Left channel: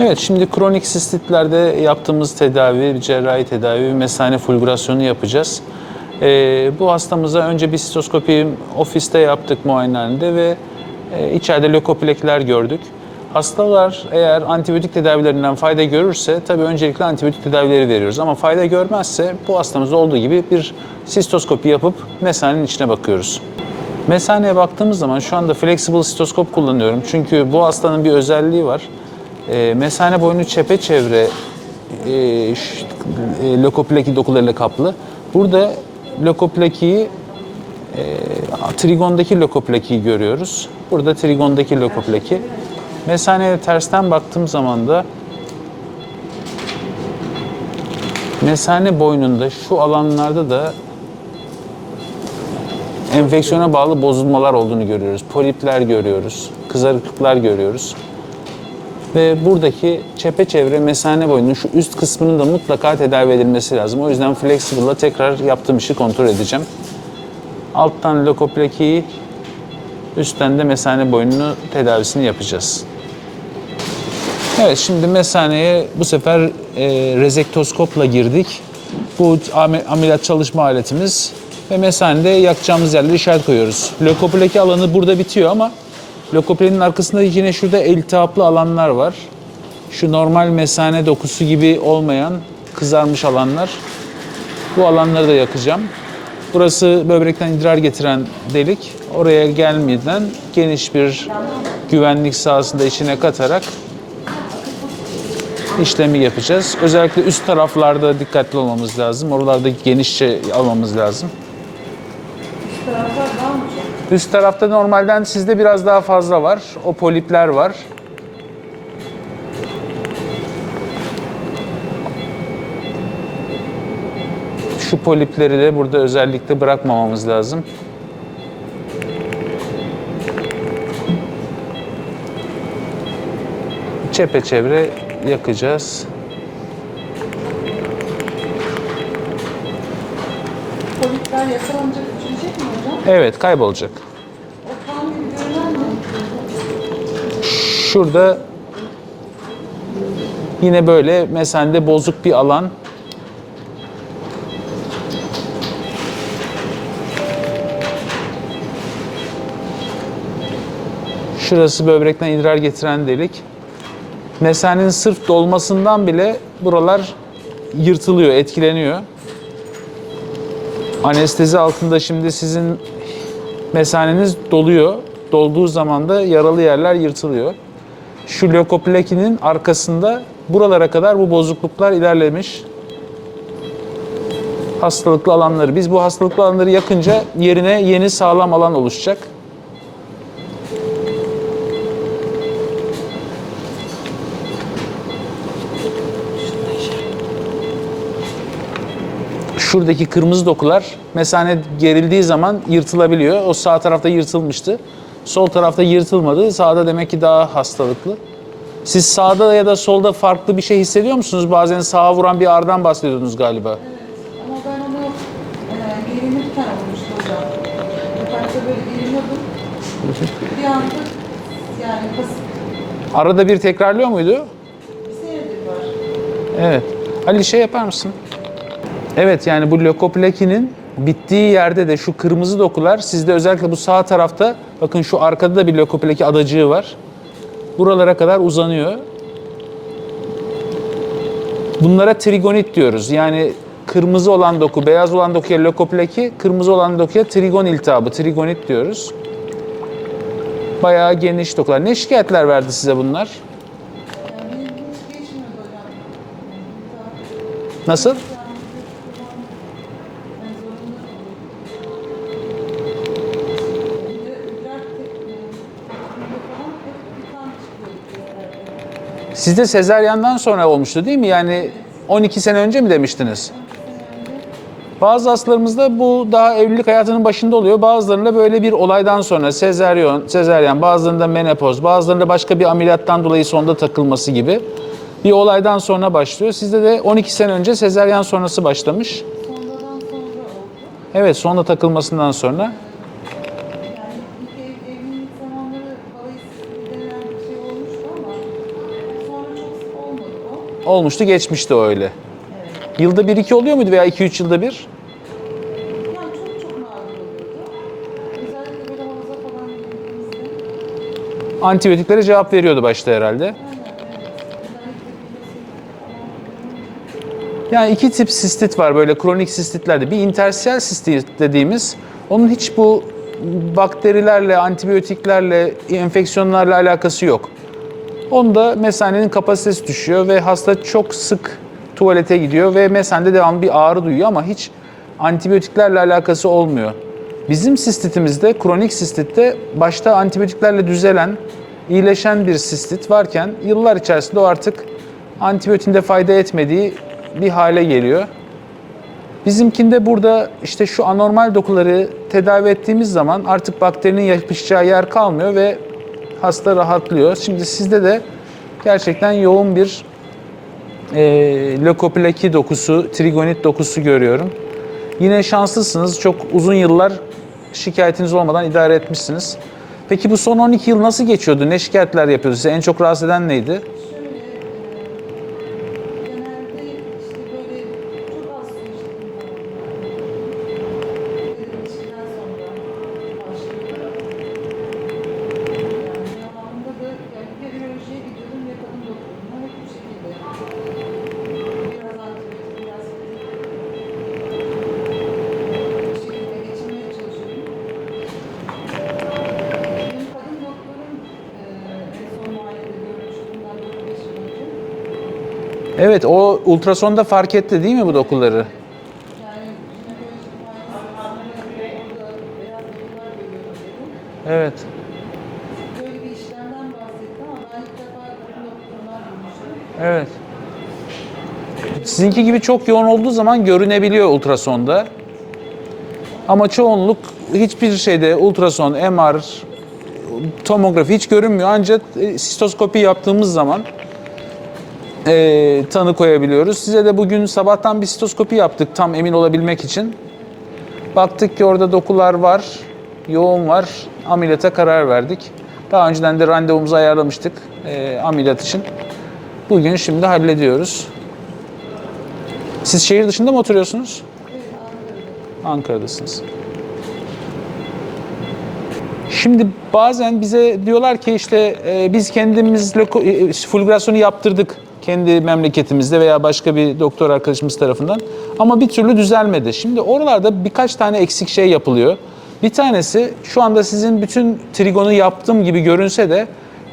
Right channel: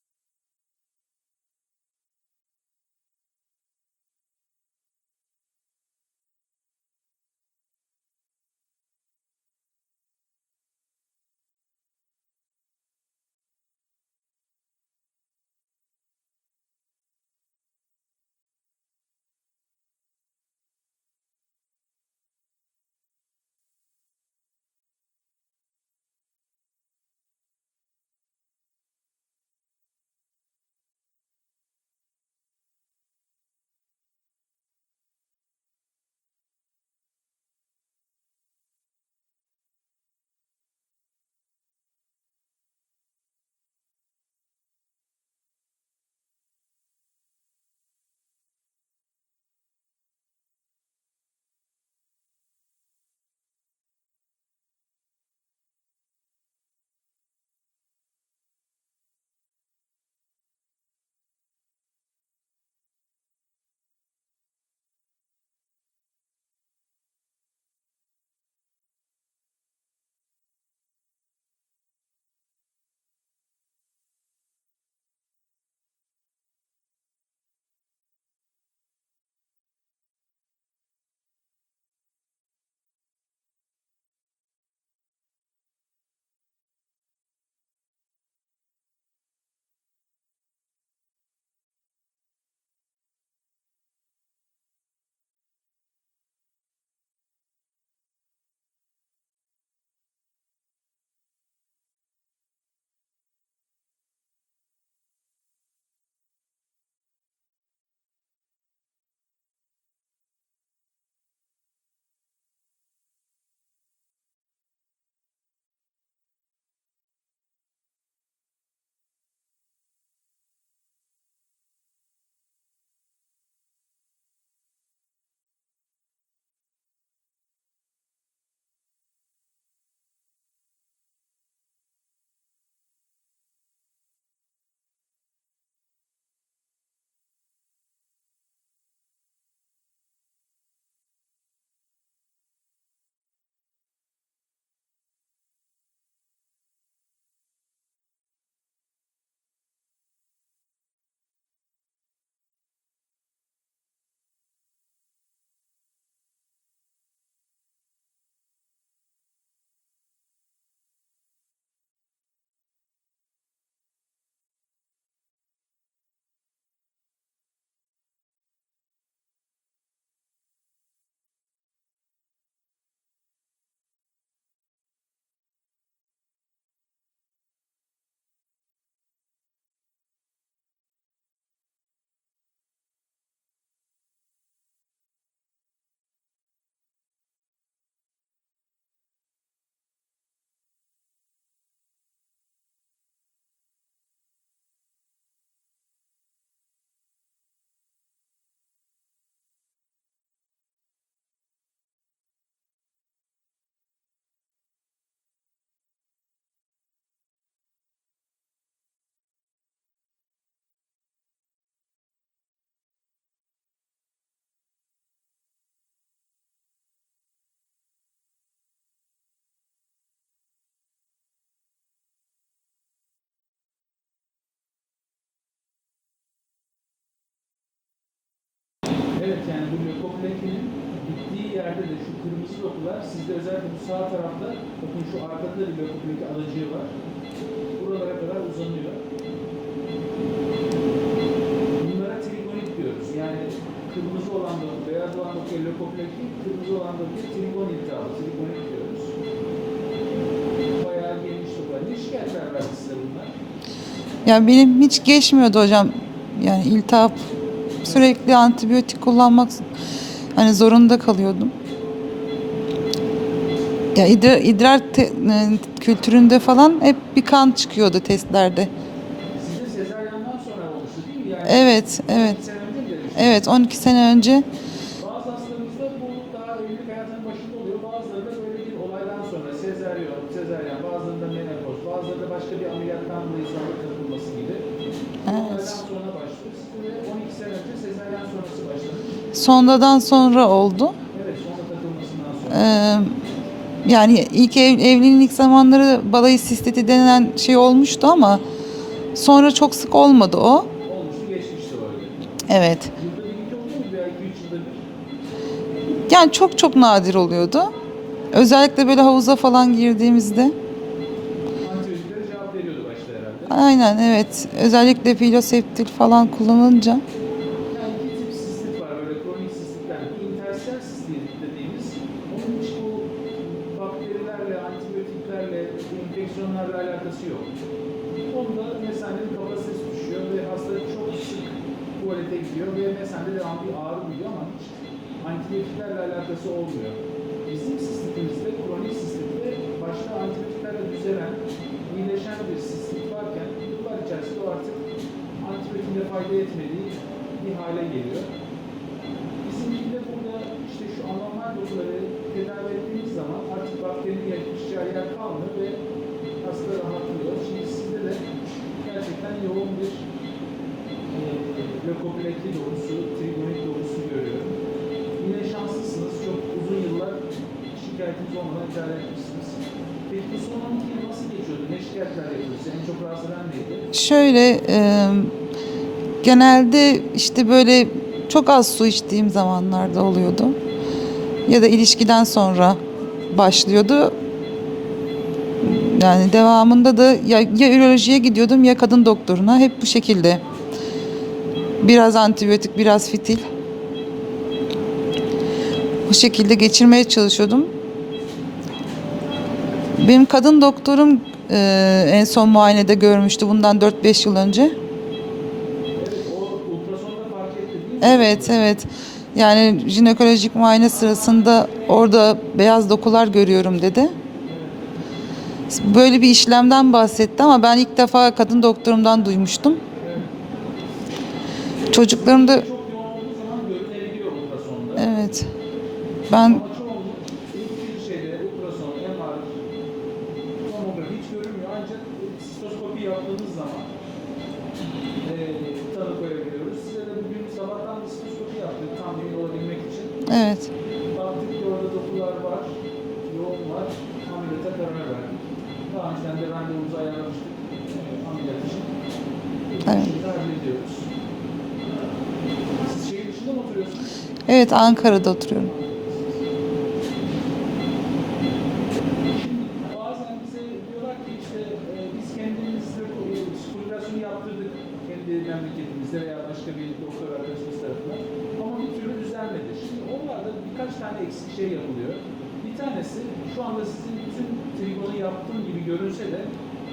Evet, şimdi kronik sistitlerde yaptığımız tedavi, cerrahi tedavi, mesane fulgurasyonu yapacağız. Ee, bu hastamıza önce bir sistoskopi ofiste yaptık muayenehanede ve e, içeride lökoplekler gördük. Hastalar eğer antibiyotik tedavilerinden fayda görürse tabii öncelikle antibiyotik tedavileri veriyoruz. Ama fayda görmezse bu hastamızda olduğu gibi bir sistoskopi yapıp mesanenin içine bakıyoruz. Mesaneye baktığımız zaman şu anda flexible sitoskop kullanıyorum. Çünkü bu hastanın bir özelliği var. E, mesane boynu çepeçevre e, e, lökopleki dokularıyla kaplı. Burada lökoplekiyi e, trigondaki lökoplekiyi görüyoruz. Burada trigondaki lökopleki. Mesaneye tersten baktığım zaman da mesane boynunda şu alanlarda da enfeksiyona bağlı bozulmalar olduğunu görüyoruz. Polipler görüyoruz, kızarıklıklar görüyoruz. Ve buradaki çepeçevre mesane boyunun şu üst kısmının da mutlaka tedavi edilmesi lazım. O yüzden Flexible'la tekrar yaptığım işi kontrol edeceğim. Alttan lokoplekiyi, üstten de mesane boynunu tedavisini yapacağız. Evet şimdi mesaneye bu sefer e, rezektoskopla girdik. Bu am- ameliyat çalışma aletimiz ve mesanede yakacağımız yerlere işaret koyuyoruz. Lökopleki alanı burada bitiyor ama lökoplenin arkasında yine şurada iltihaplı alanlar var. Şu normal mesane dokusu gibi olmayan kızarmış alanlar. Bu alanları da yakacağım. Burası böbrekten idrar getiren delik. Oraya gelmeden geniş bir güvenlik sahasında içine katarak işlemi yapacağız. Özellikle üst taraflarda dikkatli olmamız lazım. Oralarda genişçe almamız lazım. Üst tarafta normalden sizde biraz daha fazla var. O polipler var. Şu polipleri de burada özellikle bırakmamamız lazım. Çepeçevre yakacağız. Polipler yakalanacak? Evet, kaybolacak. Şurada yine böyle mesende bozuk bir alan. Şurası böbrekten idrar getiren delik. Mesanenin sırf dolmasından bile buralar yırtılıyor, etkileniyor. Anestezi altında şimdi sizin mesaneniz doluyor. Dolduğu zaman da yaralı yerler yırtılıyor. Şu lökoplekinin arkasında buralara kadar bu bozukluklar ilerlemiş. Hastalıklı alanları. Biz bu hastalıklı alanları yakınca yerine yeni sağlam alan oluşacak. Şuradaki kırmızı dokular mesane gerildiği zaman yırtılabiliyor. O sağ tarafta yırtılmıştı. Sol tarafta yırtılmadı. Sağda demek ki daha hastalıklı. Siz sağda ya da solda farklı bir şey hissediyor musunuz? Bazen sağa vuran bir ağrıdan bahsediyordunuz galiba. Ama ben onu e, gelinirken olmuştu hocam. Yaparsa böyle geliniyordum. Bir anda yani basit Arada bir tekrarlıyor muydu? bir senedir var. Evet. Ali şey yapar mısın? Evet yani bu lökoplekinin bittiği yerde de şu kırmızı dokular sizde özellikle bu sağ tarafta bakın şu arkada da bir lökopleki adacığı var. Buralara kadar uzanıyor. Bunlara trigonit diyoruz. Yani kırmızı olan doku, beyaz olan dokuya lökopleki, kırmızı olan dokuya trigon iltihabı, trigonit diyoruz. Bayağı geniş dokular. Ne şikayetler verdi size bunlar? Yani benim hiç geçmiyordu hocam. Yani iltihap Nasıl? sürekli antibiyotik kullanmak hani zorunda kalıyordum. Ya idrar, idrar te- e, kültüründe falan hep bir kan çıkıyordu testlerde. Sizde sezaryandan sonra olmuştu değil mi? Yani Evet, 12 evet. sene önce mi demiştiniz? Evet 12 sene önce Bazı hastalarımızda bu daha evlilik hayatının başında oluyor. Bazılarında böyle bir olaydan sonra sezaryon, sezaryen, bazılarında menopoz, bazılarında başka bir ameliyattan dolayı sonda takılması gibi bir olaydan sonra başlıyor. Sizde de 12 sene önce sezaryen sonrası başlamış. sonradan sonra oldu. Evet, sonda takılmasından sonra. Ee, yani ilk ev, evliliğin ilk zamanları balayı sistiti denilen şey olmuştu ama Sonra çok sık olmadı o. Olmuştu geçmişti öyle. Evet. Yılda bir iki oluyor muydu veya iki üç yılda bir? Yani çok çok nadir oluyordu. Özellikle böyle havuza falan girdiğimizde. Antibiyotiklere cevap veriyordu başta herhalde. Aynen evet. Özellikle filoseptik falan kullanınca. Yani iki tip sistit var böyle kronik sistitlerde. Bir intersiyel sistit dediğimiz onun hiç bu bakterilerle, antibiyotiklerle, enfeksiyonlarla alakası yok. Onda mesanenin kapasitesi düşüyor ve hasta çok sık tuvalete gidiyor ve mesende devamlı bir ağrı duyuyor ama hiç antibiyotiklerle alakası olmuyor. Bizim sistitimizde, kronik sistitte başta antibiyotiklerle düzelen, iyileşen bir sistit varken yıllar içerisinde o artık antibiyotin de fayda etmediği bir hale geliyor. Bizimkinde burada işte şu anormal dokuları tedavi ettiğimiz zaman artık bakterinin yapışacağı yer kalmıyor ve hasta rahatlıyor. Şimdi sizde de gerçekten yoğun bir e, lökoplaki dokusu, trigonit dokusu görüyorum. Yine şanslısınız. Çok uzun yıllar şikayetiniz olmadan idare etmişsiniz. Peki bu son 12 yıl nasıl geçiyordu? Ne şikayetler yapıyordu size? En çok rahatsız eden neydi? Şöyle e, genelde işte böyle çok az su içtiğim zamanlarda oluyordu. Ya da ilişkiden sonra başlıyordu. Yani devamında da ya, ya ürolojiye gidiyordum ya kadın doktoruna. Hep bu şekilde. Biraz antibiyotik, biraz fitil. Bu şekilde geçirmeye çalışıyordum. Benim kadın doktorum e, en son muayenede görmüştü bundan 4-5 yıl önce. Evet, o ultrasonda fark etti değil mi bu evet, dokuları? evet. Yani jinekolojik muayene sırasında orada beyaz dokular görüyorum dedi. Evet. Böyle bir işlemden bahsetti ama ben ilk defa kadın doktorumdan duymuştum. Evet. Sizinki Çocuklarımda gibi çok yoğun olduğu zaman görünebiliyor ultrasonda. Evet. Ben Ama çoğunluk hiçbir şeyde ultrason, MR, tomografi hiç görünmüyor. Ancak e, sistoskopi yaptığımız zaman e, tanı koyabiliyoruz. Size de bugün sabahtan bir sistoskopi yaptık tam emin olabilmek için. evet. Baktık ki orada dokular var, yoğun var. Ameliyata karar verdik. Daha önceden de randevumuzu ayarlamıştık e, ameliyat için. Bugün şimdi hallediyoruz. Siz şehir dışında mı oturuyorsunuz? Evet Ankara'da oturuyorum. Ankara'dasınız. Şimdi bazen bize diyorlar ki işte e, biz kendimiz loko- e, fulgurasyonu yaptırdık kendi memleketimizde veya başka bir doktor arkadaşımız tarafından ama bir türlü düzelmedi. Şimdi oralarda birkaç tane eksik şey yapılıyor. Bir tanesi şu anda sizin bütün trigonu yaptığım gibi görünse de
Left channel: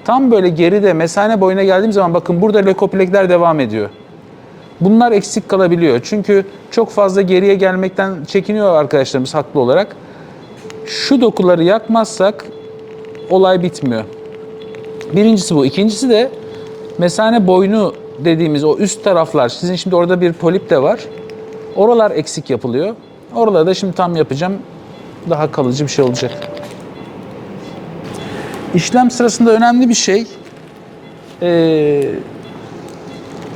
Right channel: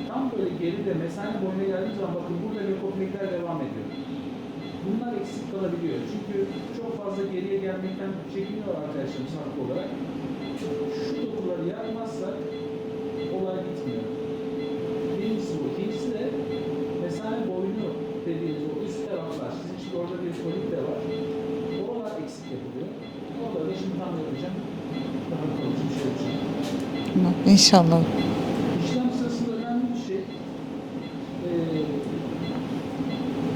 tam böyle geride mesane boyuna geldiğim zaman bakın burada lökoplekler devam ediyor. Bunlar eksik kalabiliyor. Çünkü çok fazla geriye gelmekten çekiniyor arkadaşlarımız haklı olarak. Şu dokuları yakmazsak olay bitmiyor. Birincisi bu. İkincisi de mesane boynu dediğimiz o üst taraflar. Sizin şimdi orada bir polip de var. Oralar eksik yapılıyor. Oraları da şimdi tam yapacağım. Daha kalıcı bir şey olacak. İnşallah. İşlem sırasında önemli bir şey. Ee,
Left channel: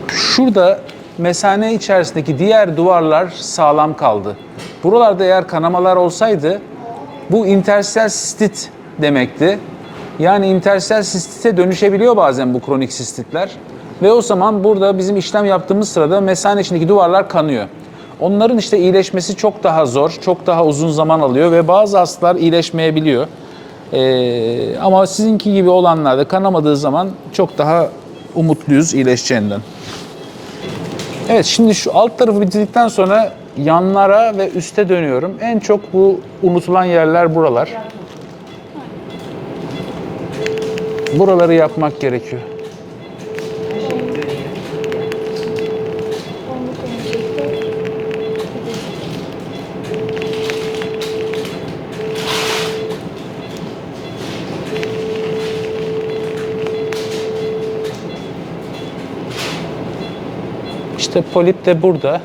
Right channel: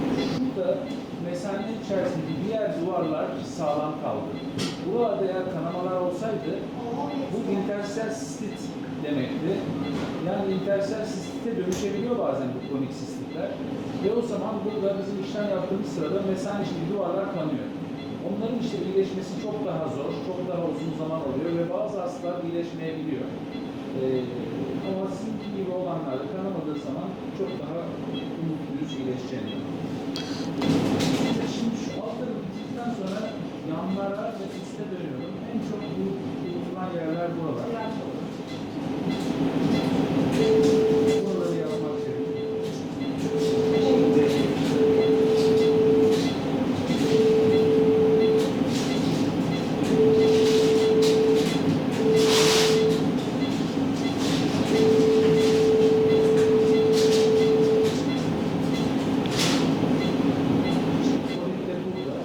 şurada mesane içerisindeki diğer duvarlar sağlam kaldı. Buralarda eğer kanamalar olsaydı bu intersel sistit demekti. Yani intersel sistite dönüşebiliyor bazen bu kronik sistitler. Ve o zaman burada bizim işlem yaptığımız sırada mesane içindeki duvarlar kanıyor. Onların işte iyileşmesi çok daha zor, çok daha uzun zaman alıyor ve bazı hastalar iyileşmeyebiliyor. Ee, ama sizinki gibi olanlarda kanamadığı zaman çok daha umutluyuz iyileşeceğinden. Evet şimdi şu alt tarafı bitirdikten sonra yanlara ve üste dönüyorum. En çok bu unutulan yerler buralar. Buraları yapmak gerekiyor. İşte polip de burada.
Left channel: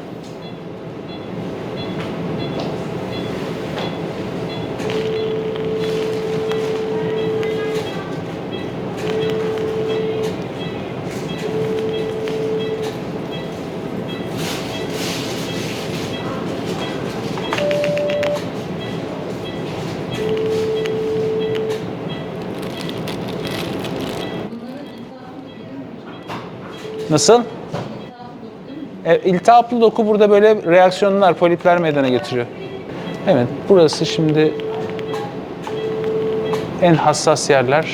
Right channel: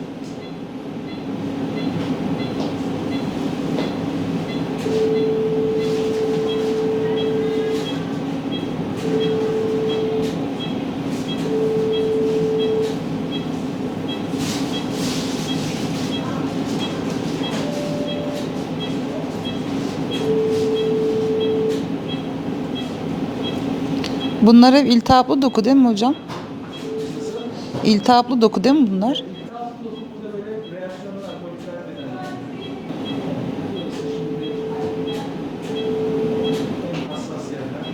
Bunlar hep iltihaplı doku değil mi hocam? Nasıl? İltihaplı doku değil mi bunlar? E, iltihaplı doku burada böyle reaksiyonlar, polipler meydana getiriyor. Evet, burası şimdi en hassas yerler.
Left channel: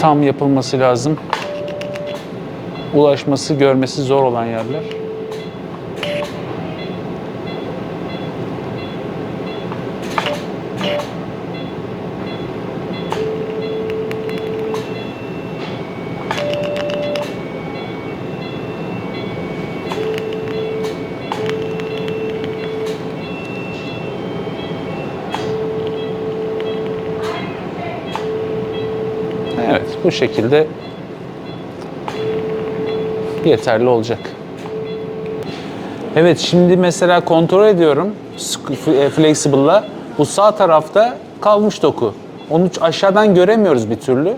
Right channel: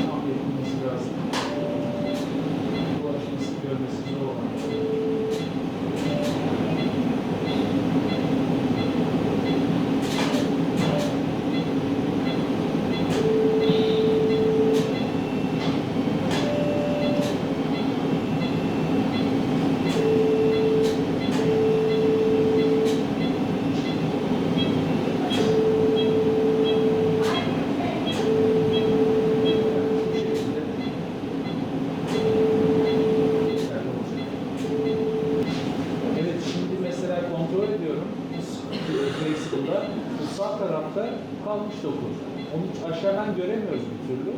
Tam yapılması lazım. Ulaşması, görmesi zor olan yerler. Evet, bu şekilde yeterli olacak. Evet, şimdi mesela kontrol ediyorum e, Flexible'la. Bu sağ tarafta kalmış doku. Onu aşağıdan göremiyoruz bir türlü.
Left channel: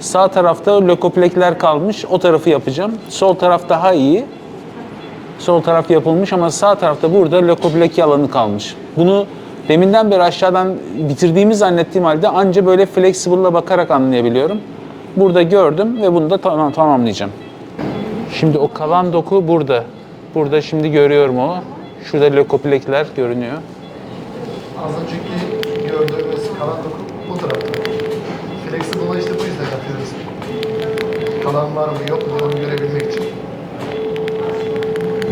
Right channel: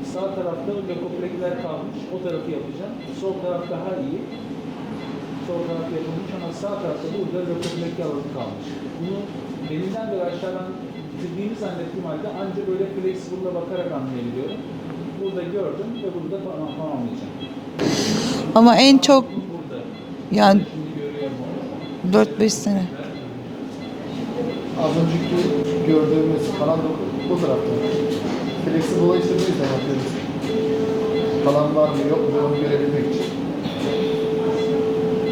Sağ tarafta lökoplekler kalmış. O tarafı yapacağım. Sol taraf daha iyi. Sol taraf yapılmış ama sağ tarafta burada lökopleki alanı kalmış. Bunu deminden beri aşağıdan bitirdiğimi zannettiğim halde anca böyle flexible'la bakarak anlayabiliyorum. Burada gördüm ve bunu da tamam, tamamlayacağım. Şimdi Ama o en çok- doku burada. Burada Yani- şimdi görüyorum onu. Şurada lökoplekler görünüyor. Az önceki gördüğümüz kalan doku bu tarafta. Flexible'a işte bu yüzden yapıyoruz. Kalan var mı yok mu onu görebilmek için.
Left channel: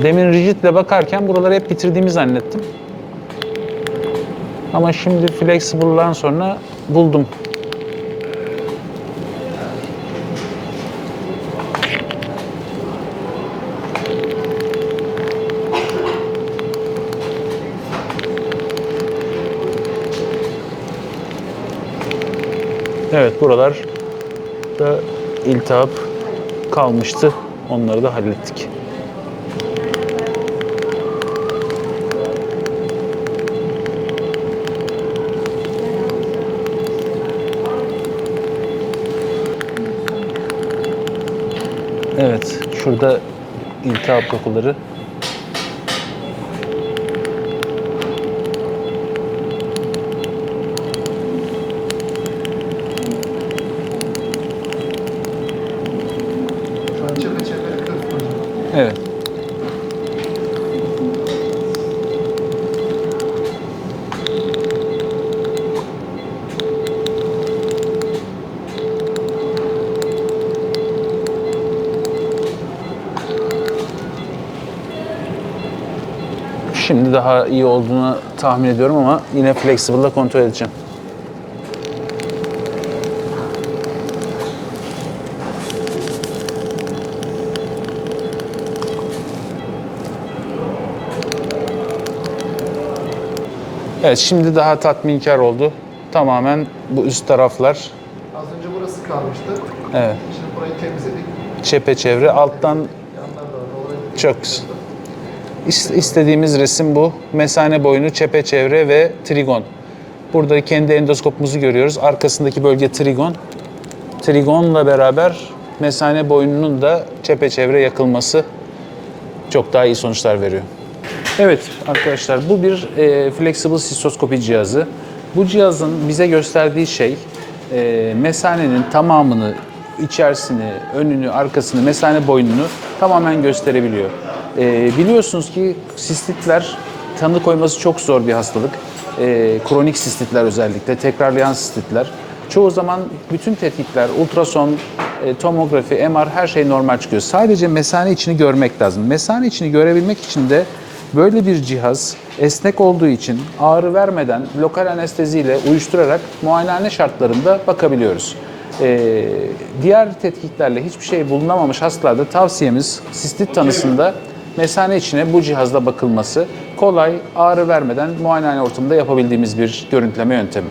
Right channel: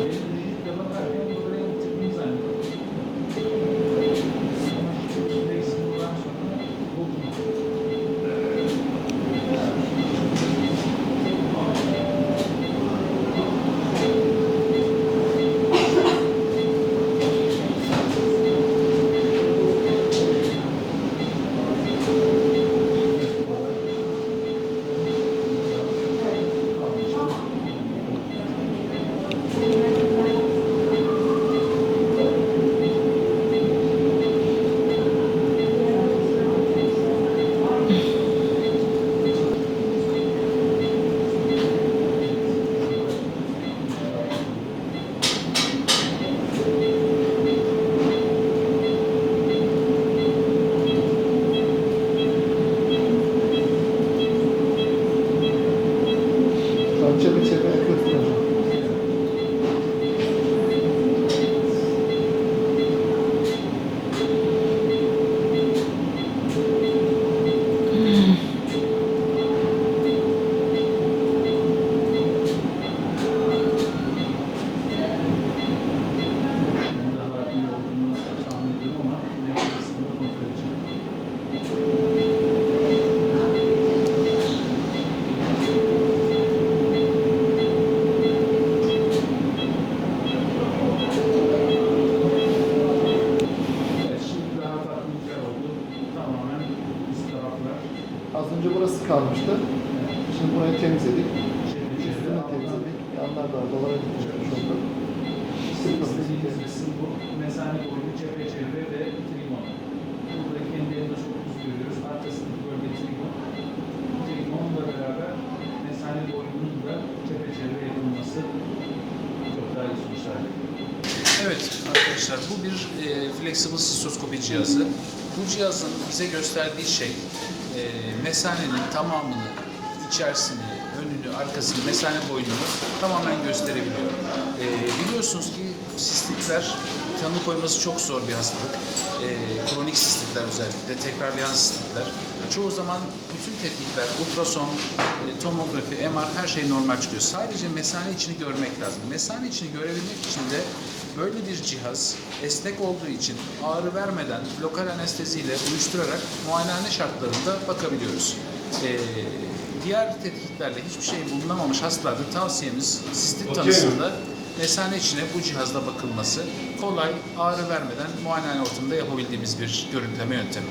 Demin rigidle bakarken buraları hep bitirdiğimi zannettim. Ama şimdi flexible'dan sonra buldum. Evet buralar da iltihap kalmıştı. Onları da hallettik. Evet, şurada iltihap dokuları. Şimdi daha iyi olduğunu tahmin ediyorum ama yine flexible'la kontrol edeceğim. Evet şimdi daha tatminkar oldu. Tamamen bu üst taraflar Az önce burası kalmıştı. evet Şimdi burayı temizledik. çepeçevre alttan dolayı. Çok güzel. İst- istediğimiz resim bu. Mesane boyunu, çepeçevre ve trigon. Burada kendi endoskopumuzu görüyoruz. Arkasındaki bölge trigon. Trigonla beraber mesane boyunun da çepeçevre yakılması çok daha iyi sonuçlar veriyor. Evet arkadaşlar bu bir e, flexible sistoskopi cihazı. Bu cihazın bize gösterdiği şey e, mesanenin tamamını, içerisini, önünü, arkasını, mesane boyununu tamamen gösterebiliyor. E, biliyorsunuz ki sistitler tanı koyması çok zor bir hastalık. E, kronik sistitler özellikle, tekrarlayan sistitler. Çoğu zaman bütün tetkikler, ultrason, e, tomografi, MR her şey normal çıkıyor. Sadece mesane içini görmek lazım. Mesane içini görebilmek için de böyle bir cihaz esnek olduğu için ağrı vermeden lokal anesteziyle uyuşturarak muayenehane şartlarında bakabiliyoruz. E, diğer tetkiklerle hiçbir şey bulunamamış hastalarda tavsiyemiz sistit tanısında mesane içine bu cihazla bakılması kolay, ağrı vermeden muayenehane ortamında yapabildiğimiz bir görüntüleme yöntemi.